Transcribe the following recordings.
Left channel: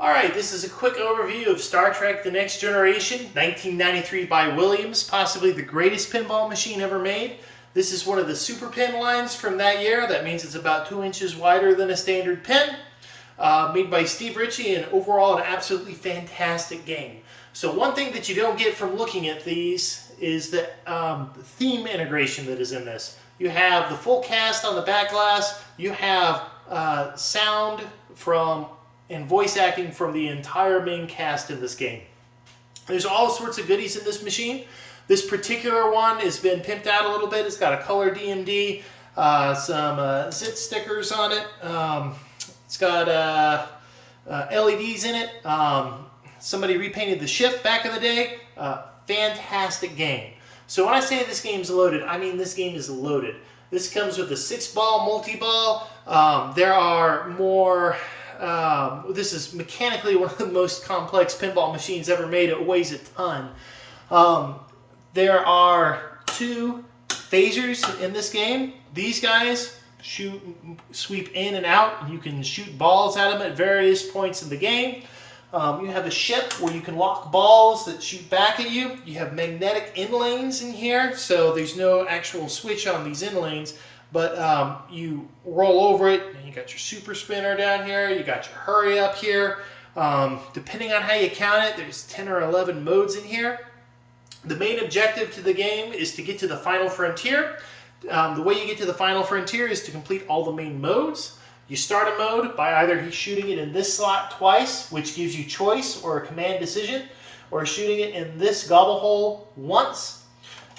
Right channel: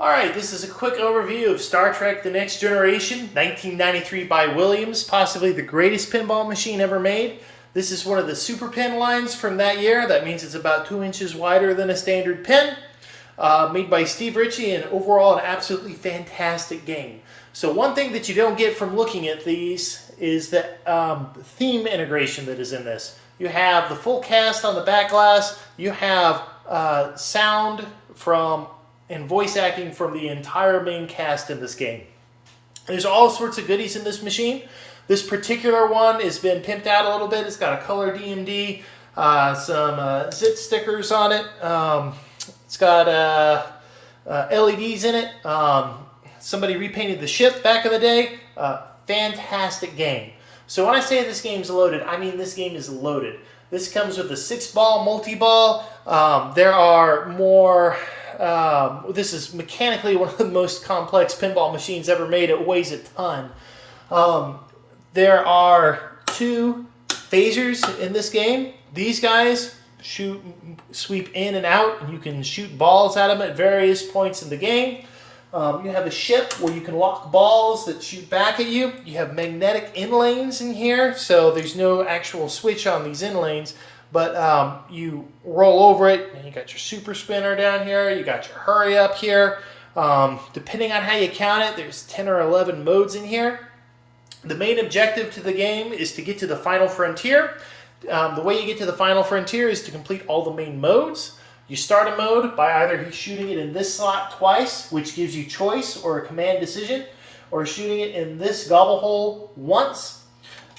Alright, this is a quick overview of Star Trek The Next Generation, 1993 by Williams, possibly the greatest pinball machine ever made. This is one of the super pin lines from that year. That means it's about 2 inches wider than a standard pin. Made by Steve Ritchie, and overall an absolutely fantastic game. So one thing that you don't get from looking at these is the theme integration that is in this. You have the full cast on the back glass. You have sound from and voice acting from the entire main cast in this game. There's all sorts of goodies in this machine. This particular one has been pimped out a little bit. It's got a color DMD, some zit stickers on it. It's got LEDs in it. Somebody repainted the ship back in the day. Fantastic game. So when I say this game's loaded, I mean this game is loaded. This comes with a 6-ball multi-ball. There are more... this is mechanically one of the most complex pinball machines ever made. It weighs a ton. There are 2 phasers in this game. These guys sweep in and out, and you can shoot balls at them at various points in the game. You have a ship where you can lock balls that shoot back at you. You have magnetic in-lanes in here, so there's no actual switch on these in-lanes. But you roll over it, and you got your super spinner down here. You got your hurry up here. Depending on how you count it, there's 10 or 11 modes in here. The main objective to the game is to get to the final frontier. The way you get to the final frontier is to complete all the main modes. You start a mode by either shooting it in this slot twice, which gives you choice or a command decision, or shooting it in this gobble hole once.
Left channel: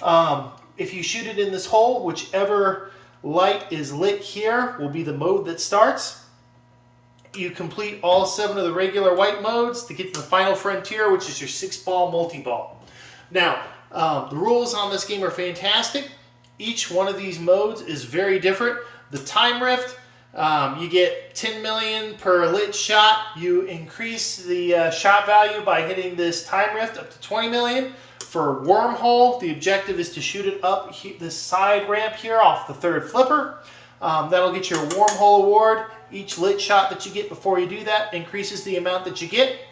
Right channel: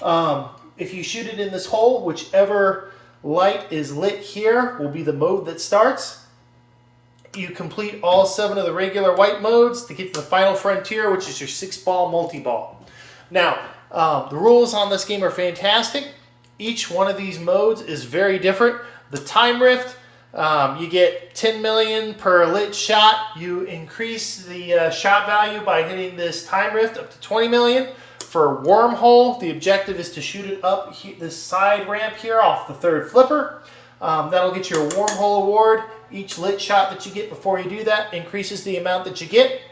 If you shoot it in this hole, whichever light is lit here will be the mode that starts. You complete all 7 of the regular white modes to get to the final frontier, which is your 6-ball multi-ball. Now, the rules on this game are fantastic. Each one of these modes is very different. The time rift, you get 10 million per lit shot. You increase the shot value by hitting this time rift up to 20 million. For wormhole, the objective is to shoot it up this side ramp here off the 3rd flipper. That'll get you a wormhole award. Each lit shot that you get before you do that increases the amount that you get.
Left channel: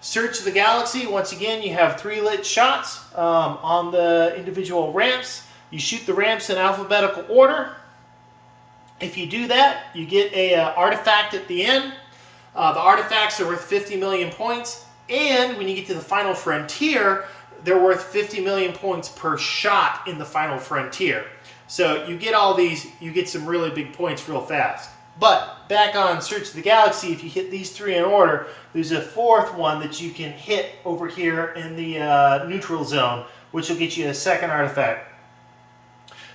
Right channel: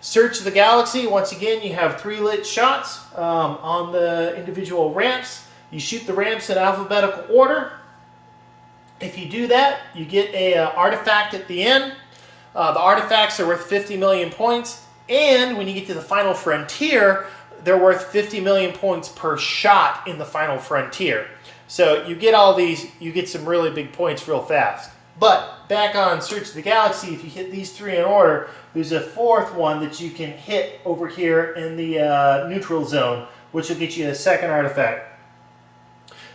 Search the Galaxy, once again, you have 3 lit shots on the individual ramps. You shoot the ramps in alphabetical order. If you do that, you get a artifact at the end. The artifacts are worth 50 million points. And when you get to the final frontier, they're worth 50 million points per shot in the final frontier. So you get all these, you get some really big points real fast. But back on Search of the Galaxy, if you hit these 3 in order, there's a 4th one that you can hit over here in the neutral zone, which will get you a 2nd artifact.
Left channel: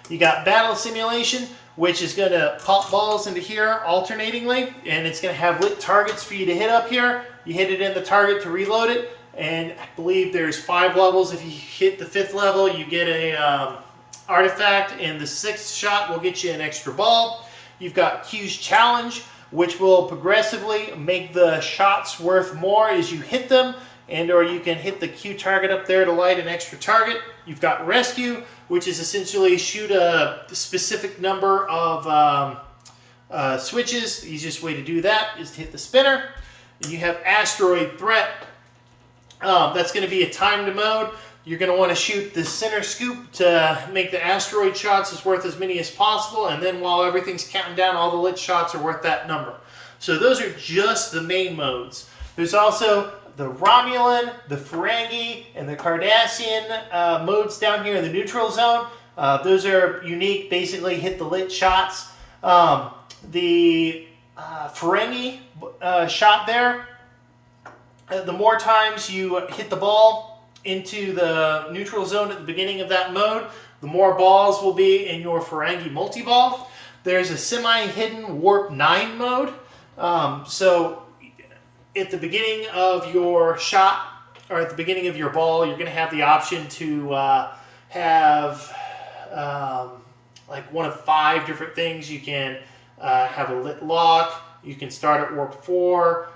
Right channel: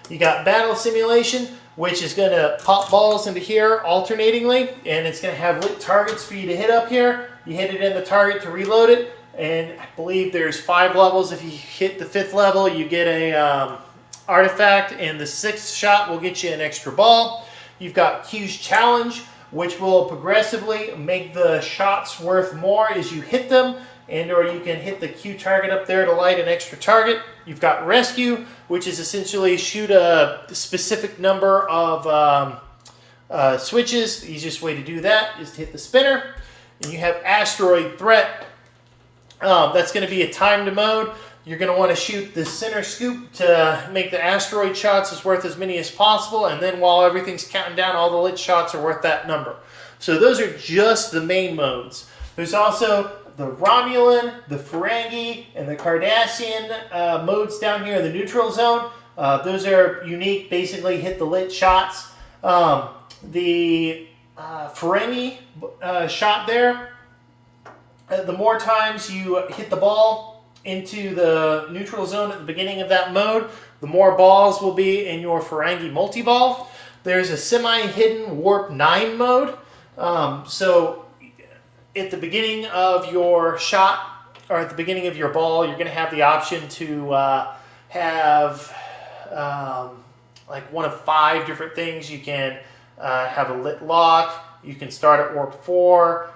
You got Battle Simulation, which is going to pop balls into here alternatingly, and it's going to have lit targets for you to hit up here. You hit it in the target to reload it. And I believe there's 5 levels. If you hit the 5th level, you get a artifact, and the 6th shot will get you an extra ball. You've got Q's Challenge, which will progressively make the shots worth more as you hit them, or you can hit the Q target up there to light an extra target. You've got Rescue, which is essentially shoot a specific number of switches. The easiest way to do that is to hit the spinner. And you have Asteroid Threat. That's going to be a timed mode. You're going to want to shoot the center scoop to make the asteroid shots as worth as many as possible, and then while everything's counting down, all the lit shots are worth that number. So those are just the main modes. There's also the Romulan, the Ferengi, and the Cardassian modes down here in the neutral zone. Those are unique, basically hit the lit shots. The Ferengi shot there, the more times you hit the ball into the neutral zone at the beginning of that mode, the more balls will be in your Ferengi multi-ball. There's a semi-hidden Warp 9 mode. So at the beginning of your shot, or at the beginning of your ball, you're going to have the option to have like one of 5 different things. You can have a lit lock. You can start at Warp 4.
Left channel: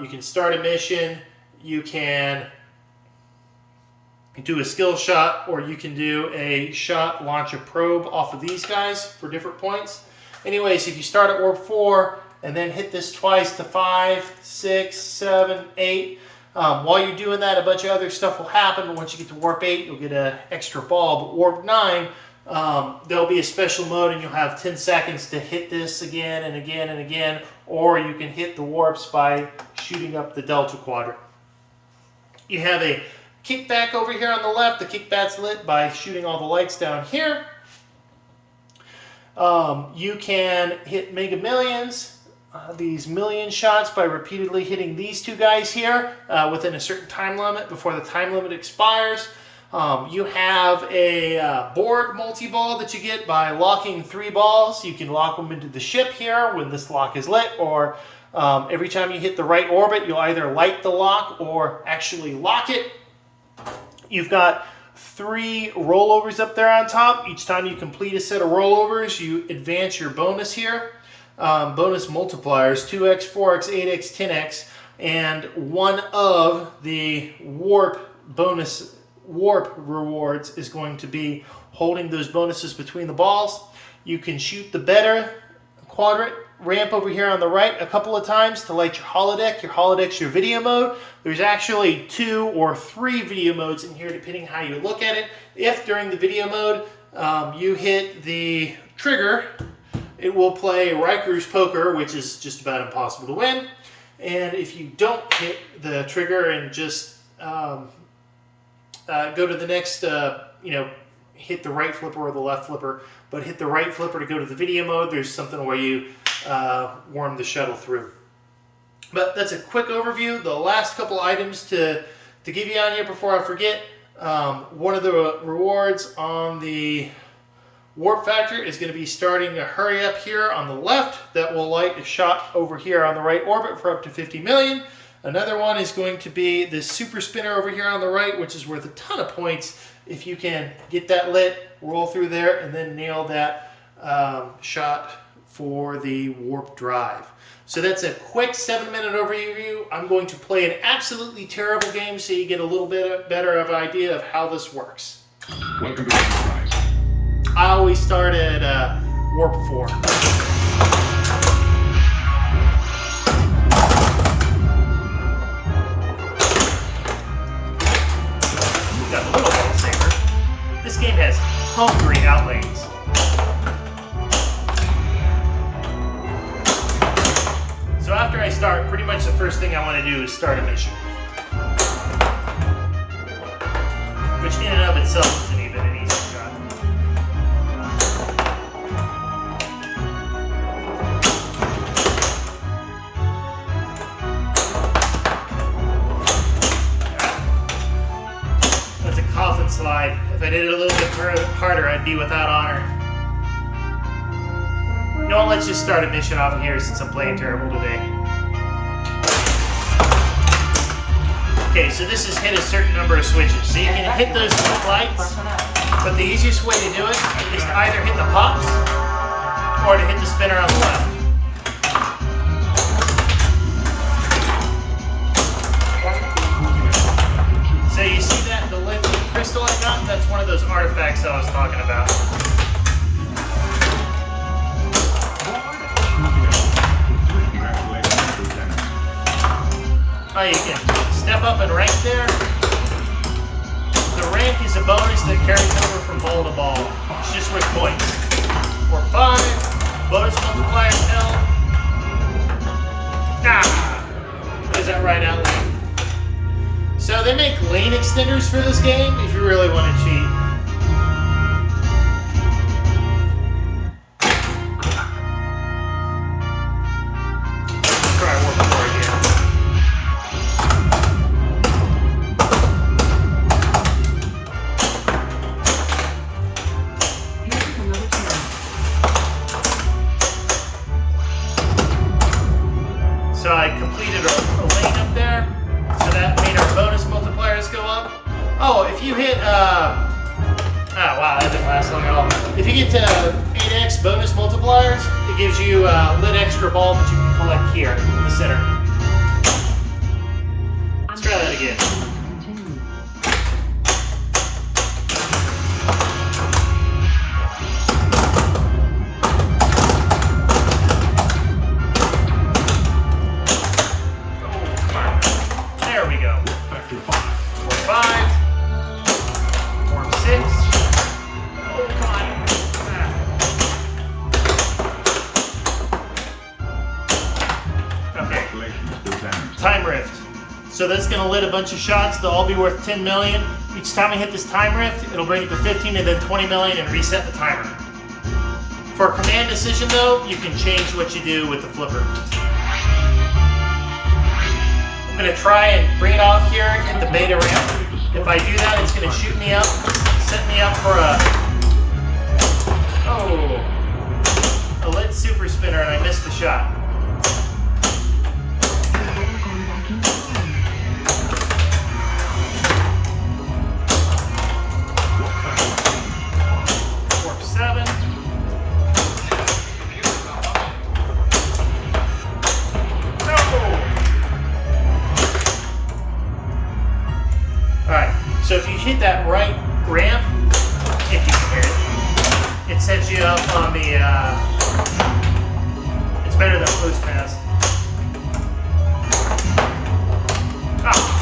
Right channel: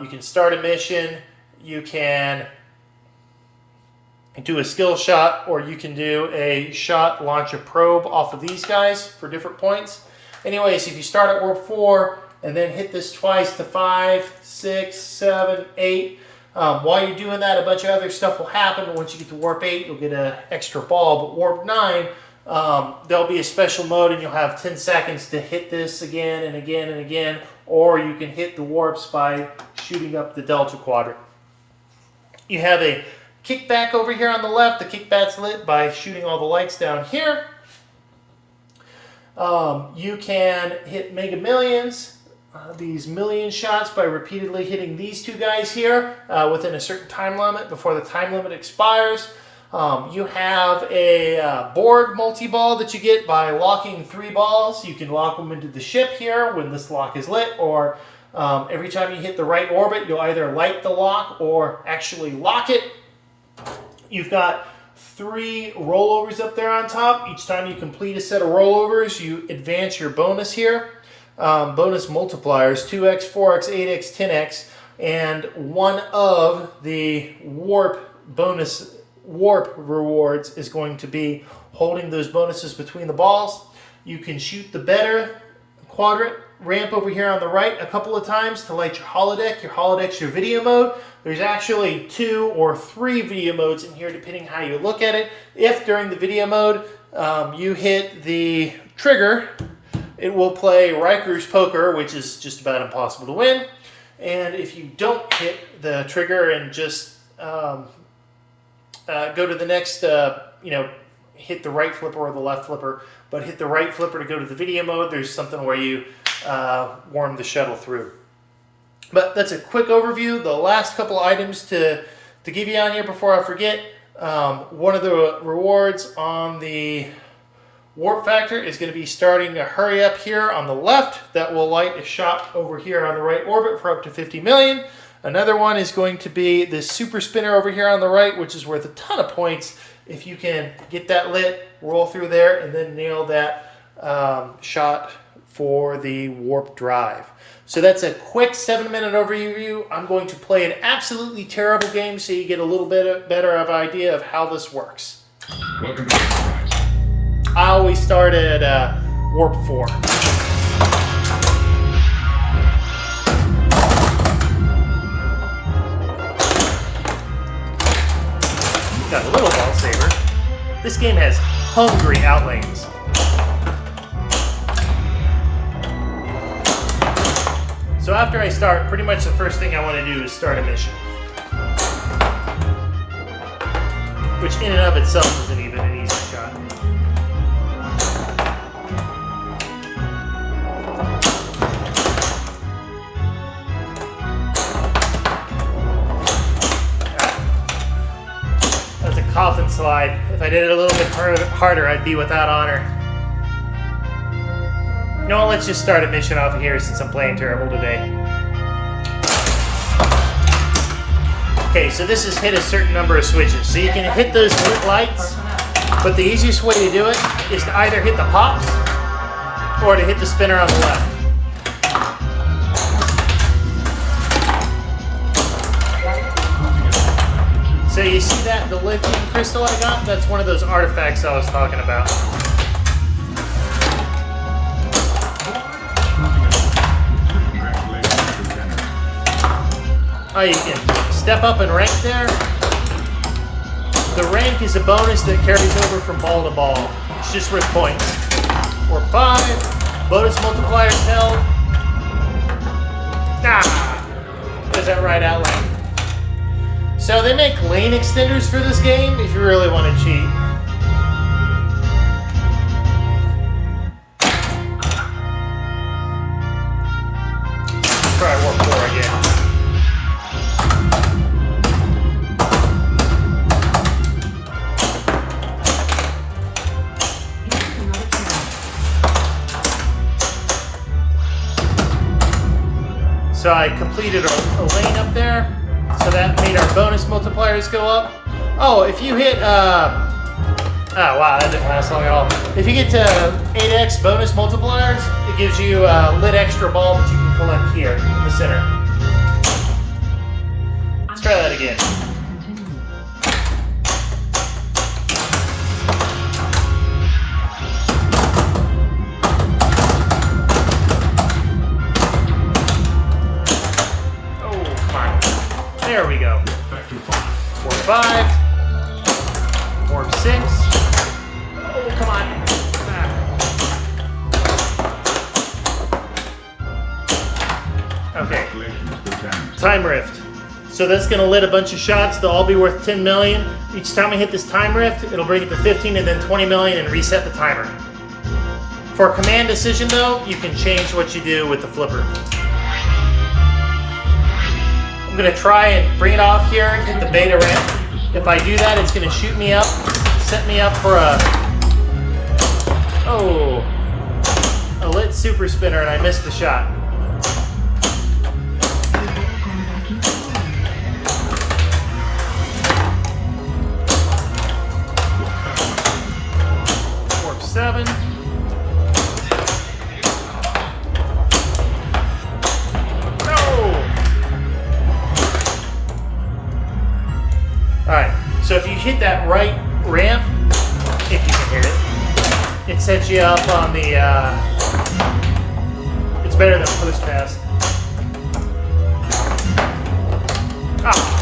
You can start a mission, you can do a skill shot, or you can do a launch a probe off of these guys for different points. Anyways, if you start at Warp 4, and then hit this twice to 5, 6, 7, 8. While you're doing that, a bunch of other stuff will happen, but once you get to warp 8, you'll get an extra ball. But warp 9, there'll be a special mode, and you'll have 10 seconds to hit this again and again and again, or you can hit the warps by shooting up the Delta Quadrant. You have a kickback over here on the left. The kickback's lit by shooting all the lights down here. You can hit Mega Millions, these million shots, by repeatedly hitting these two guys here within a certain time limit before the time limit expires. You have a board multi-ball that you get by locking 3 balls. You can lock them into the ship here when this lock is lit, or every time you hit the right orbit, you'll either light the lock or actually lock it. You've got 3 rollovers up there on top. Each time you complete a set of rollovers, you advance your bonus here. Bonus multipliers, 2x, 4x, 8x, 10x, and one of the warp rewards is going to be holding those bonuses between the balls. You can shoot the better quadrant ramp over here on the right a couple of times to light your holodeck. Your holodeck's your video mode. There's actually 2 or 3 video modes in here depending how you look at it. If during the video mode you hit the trigger, it will play Riker's Poker, which is just about impossible to win. And if you don't hit the trigger and just go to the next, hit the right flipper or the left flipper, but hit the right flipper to go to the video mode, there's something where you worm the shuttle through. But that's a quick overview. The last couple items to give you on here before I forget, one of the rewards on the warp factor is going to be starting to hurry up here on the left. That will light a shot over here on the right orbit for up to 50 million. Another one is going to be this super spinner over here on the right, which is worth a ton of points if you can get that lit, roll through there, and then nail that shot for the warp drive. So that's a quick 7-minute overview. I'm going to play an absolutely terrible game so you get a little bit better of an idea of how this works. Welcome to Enterprise. I always start at warp 4. Got a little ball saver. This game has hungry outlanes. So after I start, pretty much the first thing I want to do is start a mission. Which in and of itself isn't even an easy shot. That's a coffin slide. If I did it a little bit harder, I'd be without honor. You know what, let's just start a mission off of here since I'm playing terrible today. Okay, so this is hit a certain number of switches. So you can hit those lit lights, but the easiest way to do it is to either hit the pops or to hit the spinner on the left. So you see that, the lithium crystal I got? That's one of those artifacts I was talking about. Oh, you can step up and rank there. The rank is a bonus that carries over from ball to ball. It's just worth points. Or 5, bonus multiplier held. There's that right out lane. So they make lane extenders for this game if you really want to cheat. Let's try warp 4 again. So I completed a lane up there, so that made our bonus multipliers go up. Oh, if you hit, oh wow, that didn't last long at all. If you get to 8x bonus multipliers, it gives you a lit extra ball that you can collect here in the center. Let's try that again. There we go. Back to 5. Warp 5. Warp 6. Oh, come on. Okay. Congratulations, Lieutenant. Time rift. So that's going to lit a bunch of shots. They'll all be worth 10 million. Each time I hit this time rift, it'll bring it to 15 and then 20 million and reset the timer. For a command decision though, you can change what you do with the flipper. I'm going to try and bring it off here and hit the beta ramp. If I do that, it's going to shoot me up, set me up for a lit super spinner, and I missed the shot. Warp 7. No! Alright, so if you hit that right ramp, if you can hit it, it sets you up on the, it's better than boost pass. Ah.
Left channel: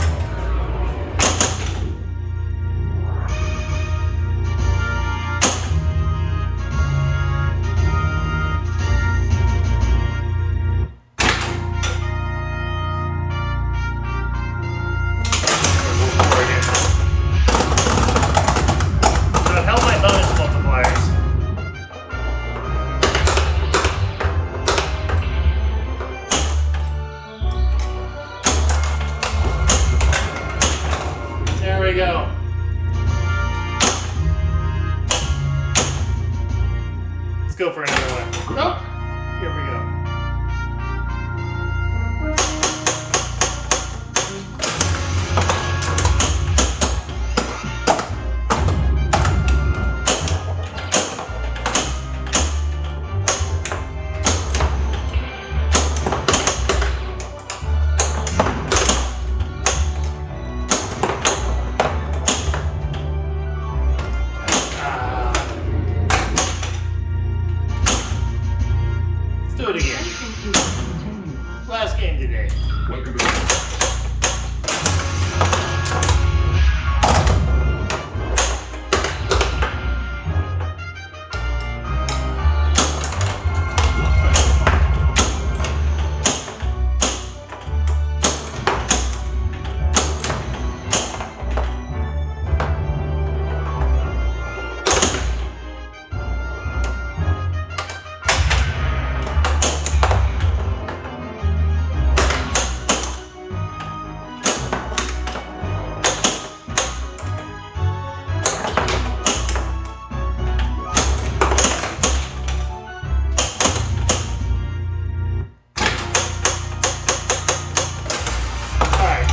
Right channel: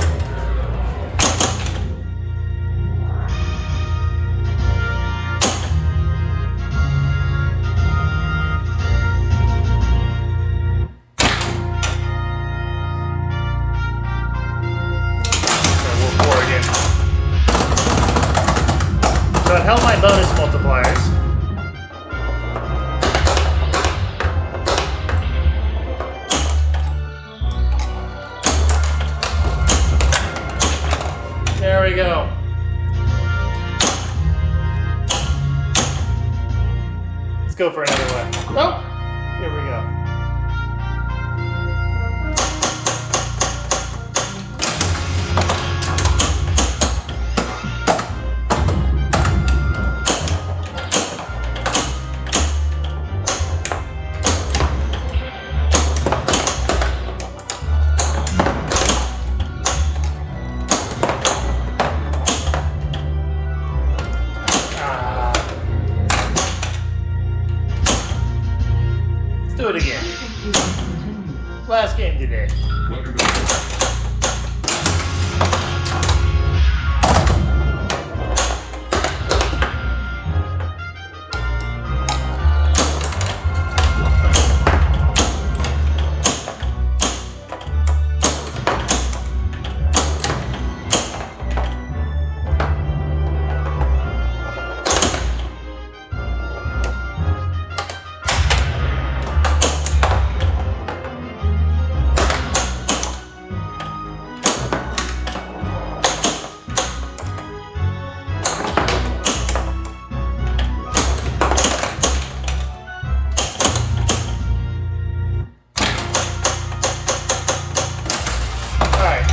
Okay, we're 4 again. So I held my bonus multipliers. There we go. Let's go for another one. Oh, here we go. Do it again. Last game today. Welcome to Sunrise.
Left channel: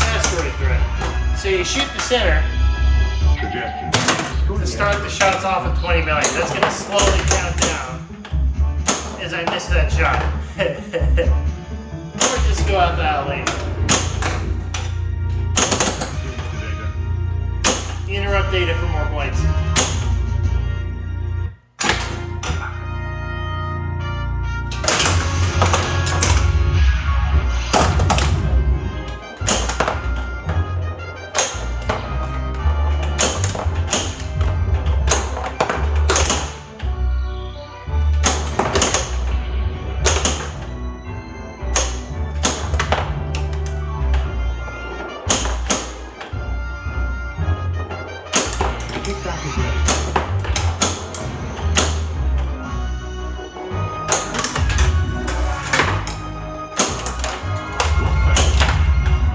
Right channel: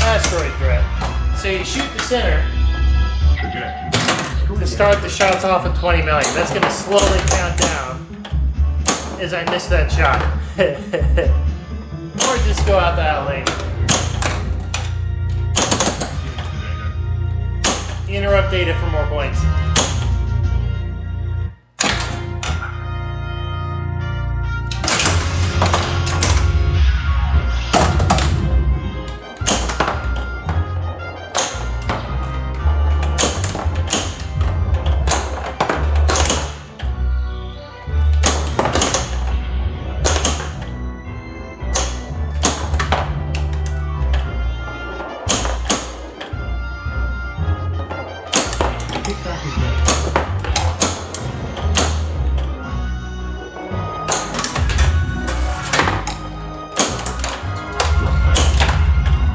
Asteroid threat. So you shoot the center Suggestion. to start the shots off at 20 million. That's going to slowly count down as I miss that shot. Or just go out the out lane. Interrupt data for more points. Kickback is ready.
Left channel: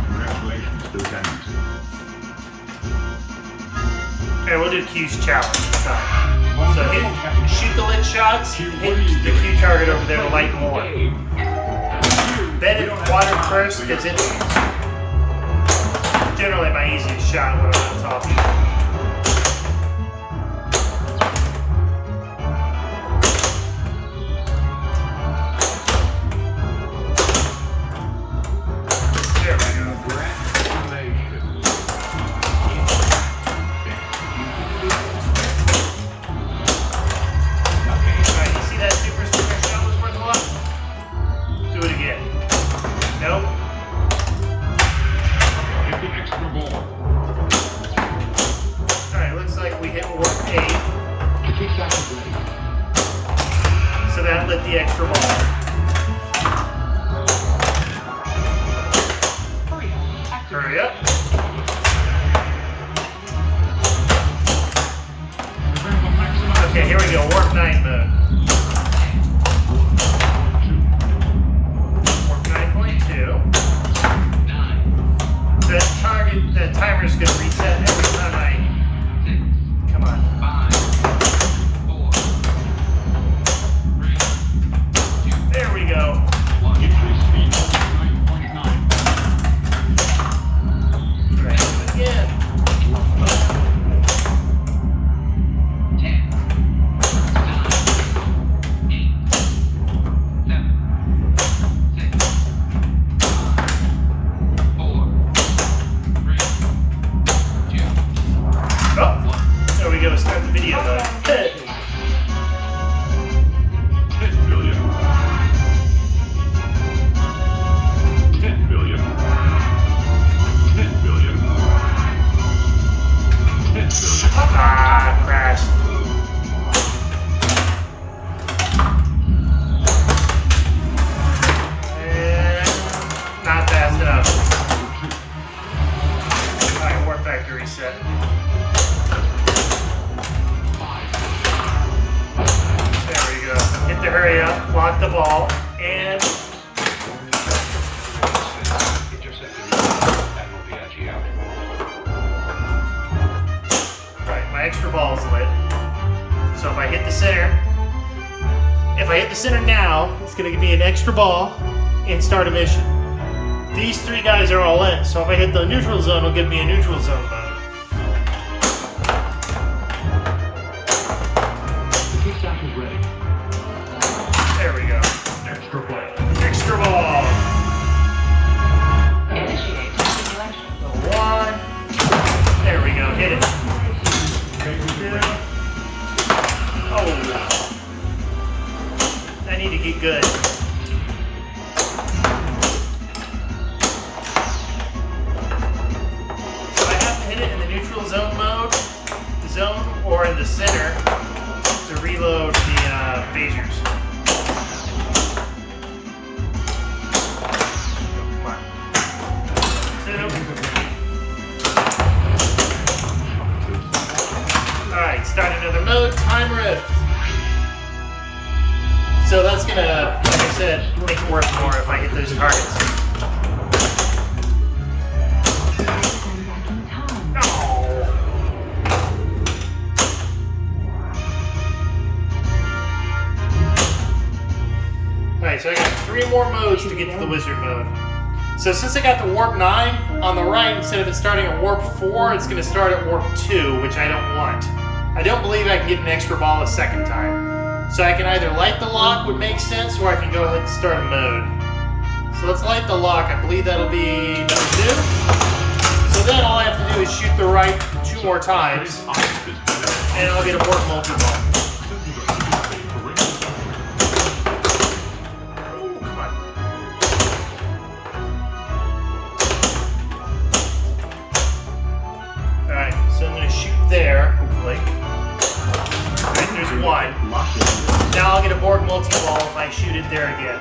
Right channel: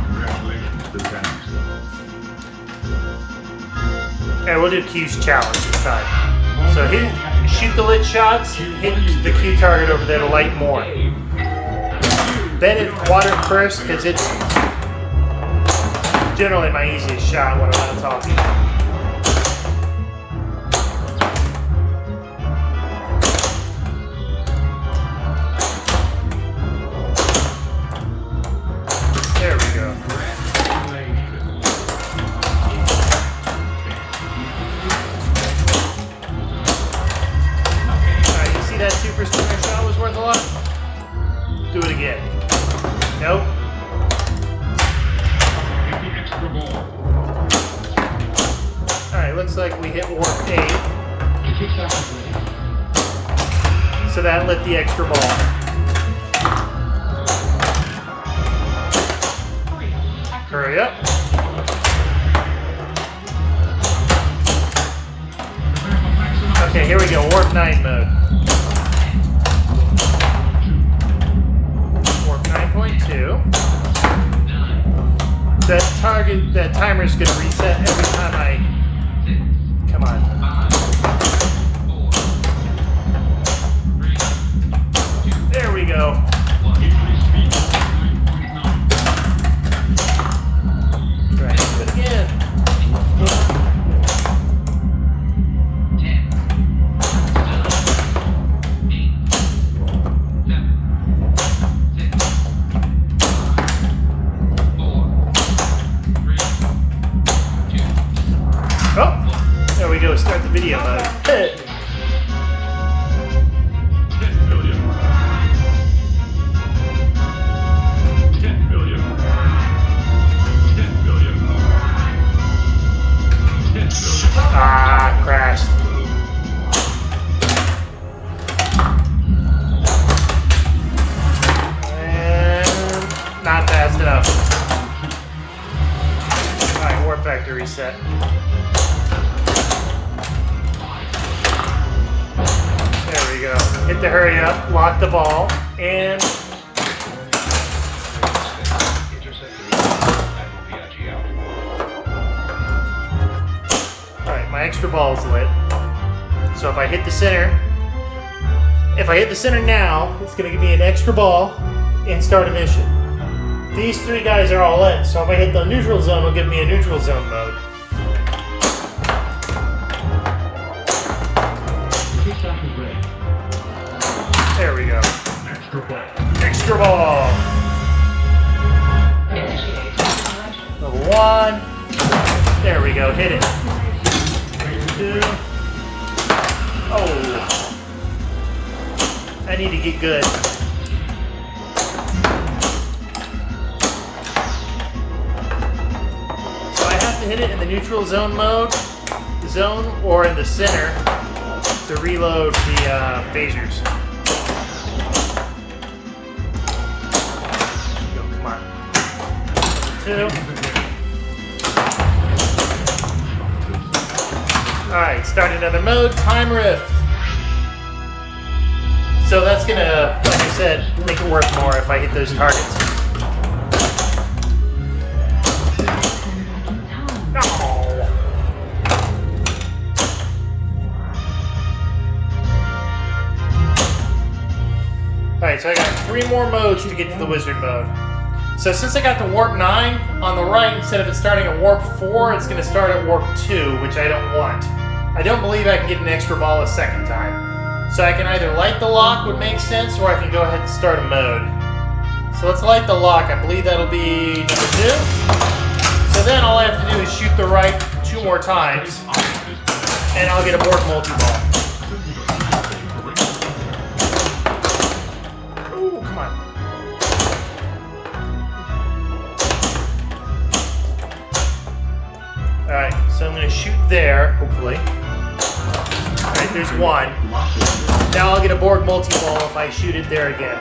Congratulations, Lieutenant. Okay, we'll do Q's challenge this time. So shoot the lit shots, hit the Q target over there to light more. Then it water first because it's generally my easiest shot when I'm on top. There we go. You see that super speaker shot was worth a lot? Do it again. Nope. Hurry up. Okay, here we go. Warp 9 mode. Warp 9.2. That timer's gonna reset every time I. Come on. There we go. Again. There we go, start the video. Hey. 10 billion. 10 billion. 10 billion. 10 billion. Ah, crashed. And not fast enough. Alright, warp factor reset. Hit the hurry up, lock the ball, and alright, my extra ball's lit. So if I hit the center now, it's gonna give me an extra ball and start a mission. These three guys are all lit, so if I hit the neutral zone, it'll give me a neutral zone mode. There we go. Extra ball. Extra ball. Number 1. There we go. Hit it. 2. Oh. I need to get good. So I have to hit it in the neutral zone mode, or in the center to reload the phasers. Alright, start another mode, time rift. So that's gonna, like I said, make it worth more if I hit those targets. No. Alright, so I got 3 more modes to get to the wizard mode. So since I got the warp 9 on the right, instead of it starting at warp 4, it's going to start at warp 2, which I don't want. I don't believe I can get an extra ball a second time. So I can either light the lock, would make sense, or I can go ahead and start a mode. So let's light the lock. I believe that'll be number 2. So then all I have to do is shoot the right 2 more times, and I'll get a warp multi-ball. Alright, so I'm going to shoot there, hopefully. And there's 1. Now I'll get a board multi-ball if I shoot it there again.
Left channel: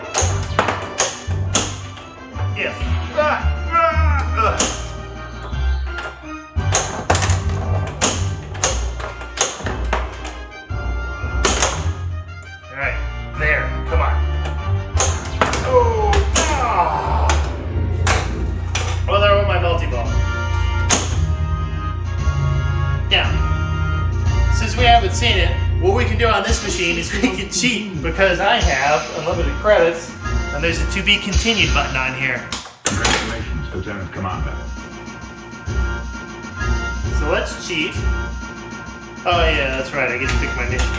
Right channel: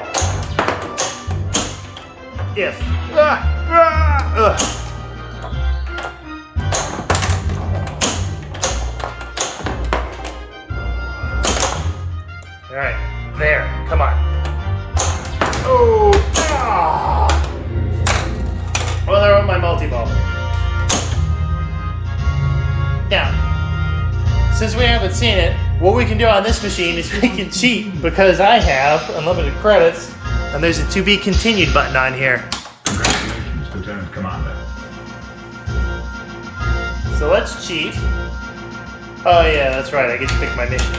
If. Alright, there, come on. Oh, well, there went my multi-ball. Now, since we haven't seen it, what we can do on this machine is we can cheat because I have unlimited credits, and there's a to be continued button on here. Congratulations, Lieutenant Commander. So let's cheat. Oh yeah, that's right, I get to pick my mission.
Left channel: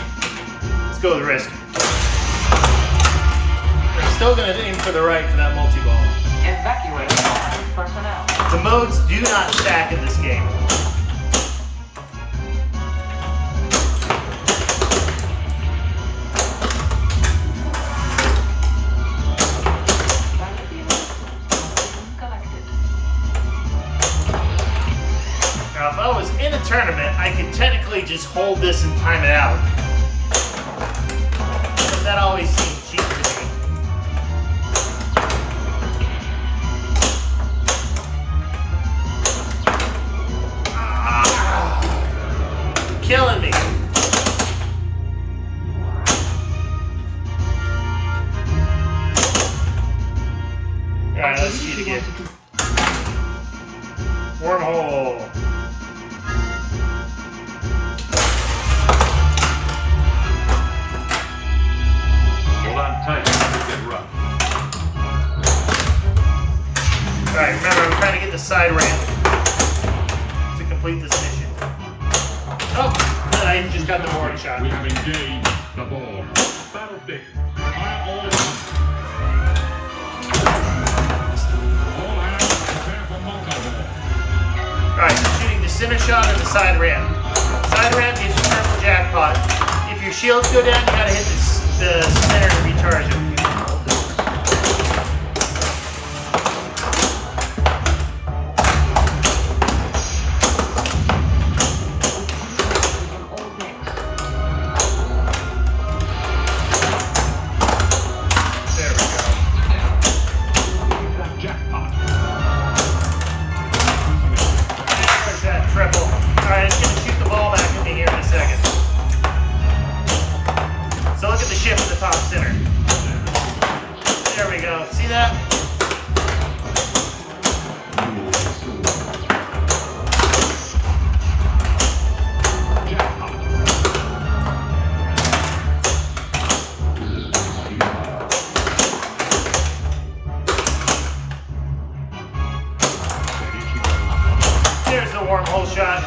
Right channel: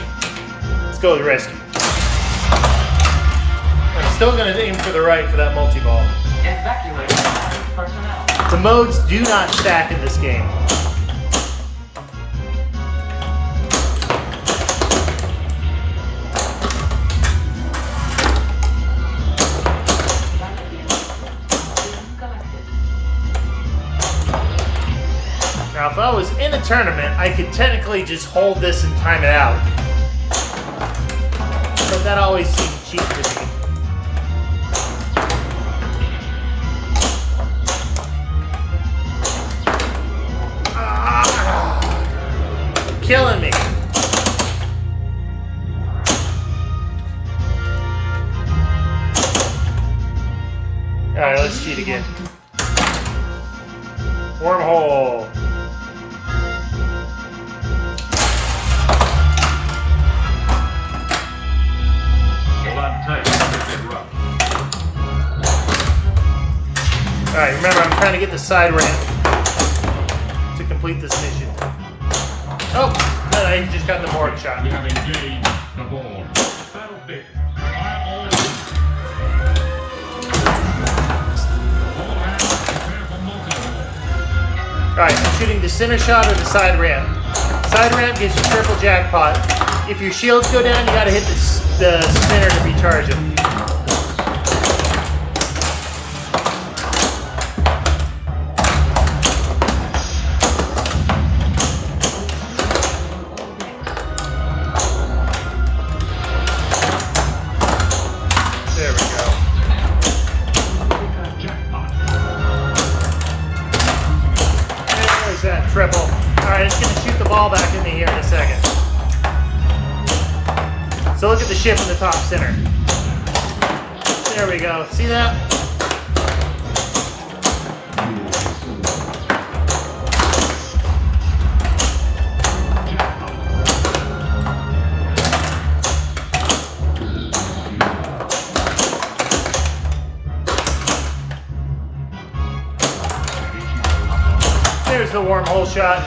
Let's go with rescue. I'm still going to aim for the right for that multi-ball. Evacuate personnel. The modes do not stack in this game. Now, if I was in a tournament, I could technically just hold this and time it out. But that always seemed cheap to me. Wormhole. Hold on tight. Get rough. Alright, remember I'm trying to get the side ramp to complete this mission. Oh, but I just got the board shot. We have engaged the ball. Battlefield. Fire all. All hands prepare for multi-ball. Alright, I'm shooting the center shot with the side ramp. Side ramp gives you triple jackpot. If your shields go down, you gotta hit the center to recharge it. There we go. Jackpot. There's that triple. Alright, it's gonna shoot the ball back in the air in a second. So look at the ship in the top center. There we go. See that? There's the wormhole shot.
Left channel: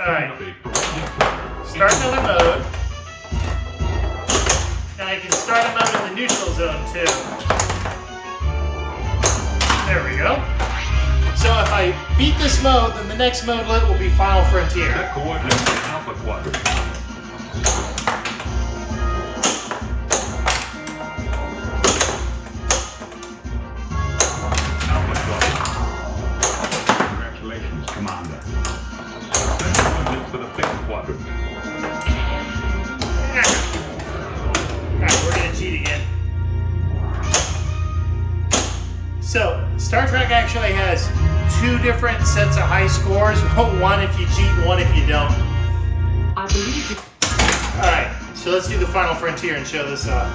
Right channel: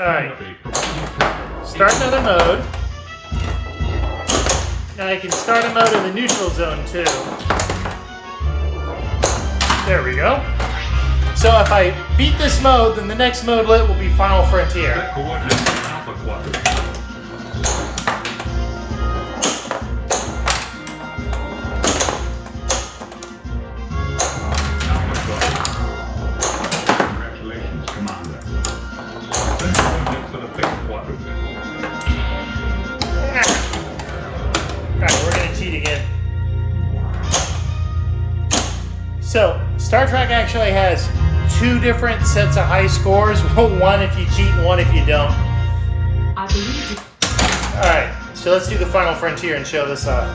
Alright. Start another mode. And I can start a mode in the neutral zone too. There we go. So if I beat this mode, then the next mode lit will be Final Frontier. Set coordinates to Alpha Quadrant. Alpha Quadrant. Congratulations, Commander. Set coordinates for the Beta Quadrant. Alright, we're gonna cheat again. So, Star Trek actually has two different sets of high scores. One if you cheat and one if you don't. I believe you. Alright, so let's do the Final Frontier and show this off.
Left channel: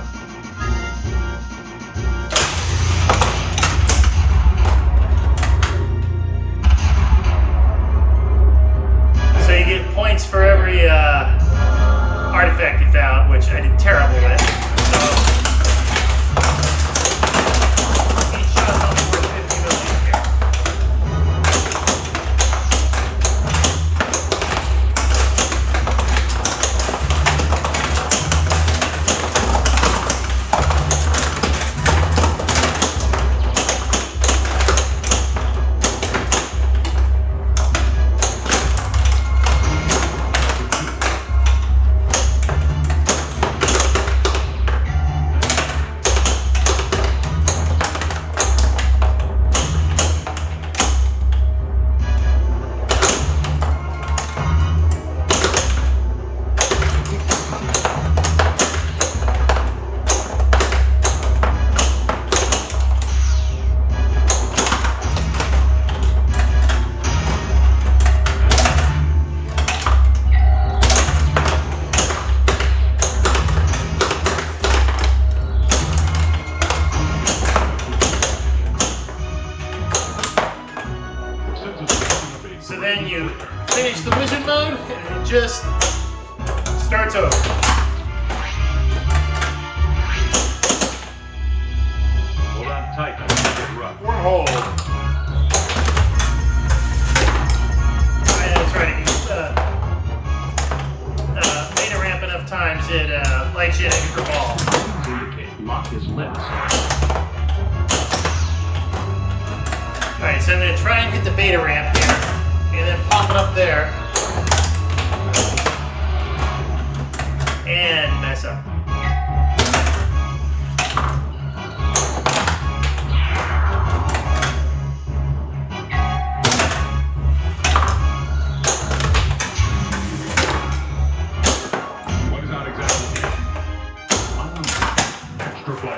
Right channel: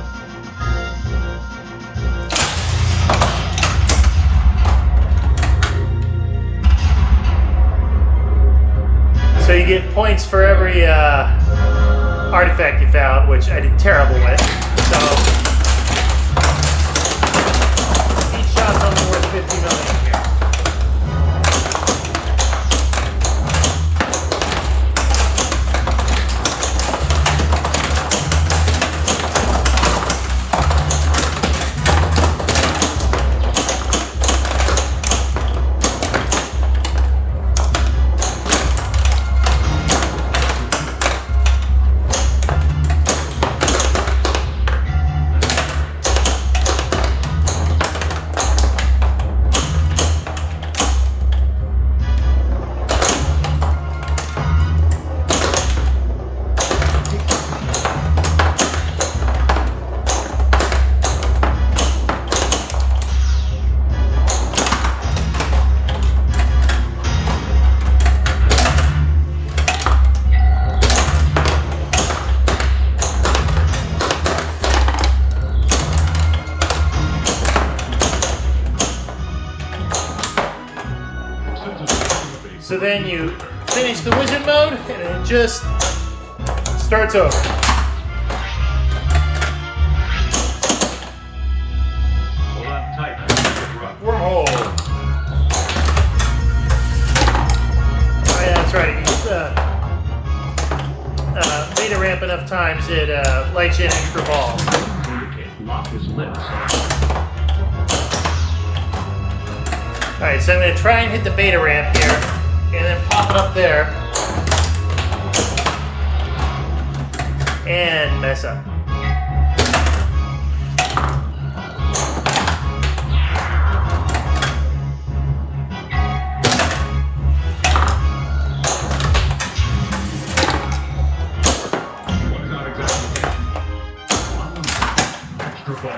So you get points for every artifact you found, which I did terrible with. So each shot's only worth 50 million. So then you finish the wizard mode and it just starts over. Hold on tight. Get rough. Wormhole. Oh, yeah, that's right. If you meter ramp enough times, it lights you an extra ball. Indicate lock his lips. Alright, so I'm going to try and hit the beta ramp here, and then pop it up there, and mess up. What is not exactly extra ball.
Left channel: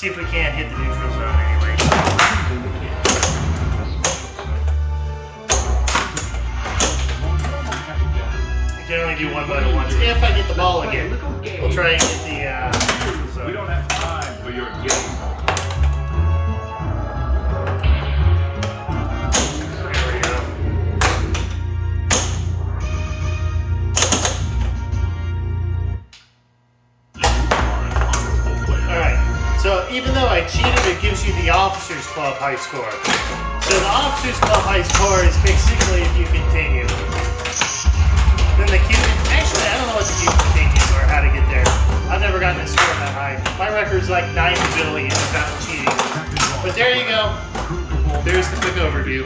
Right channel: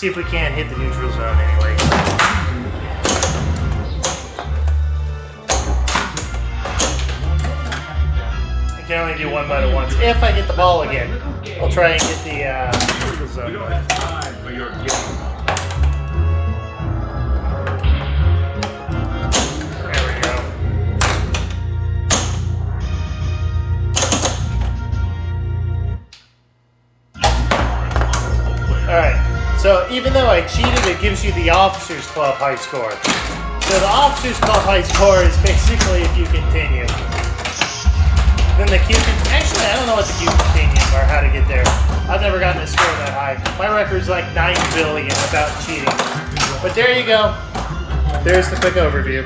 See if we can't hit the neutral zone anyway. I can only do one bite at once. If I get the ball again, I'll try and get the neutral We zone. don't have time for your game. There we go. Alright, so even though I cheated, it gives you the Officers Club high score. So the Officers Club high score is basically if you continue. Then the Q, actually I don't know what the Q continue or how to get there. I've never gotten a score that high. My record's like 9 billion without cheating. But there you go. There's the quick overview.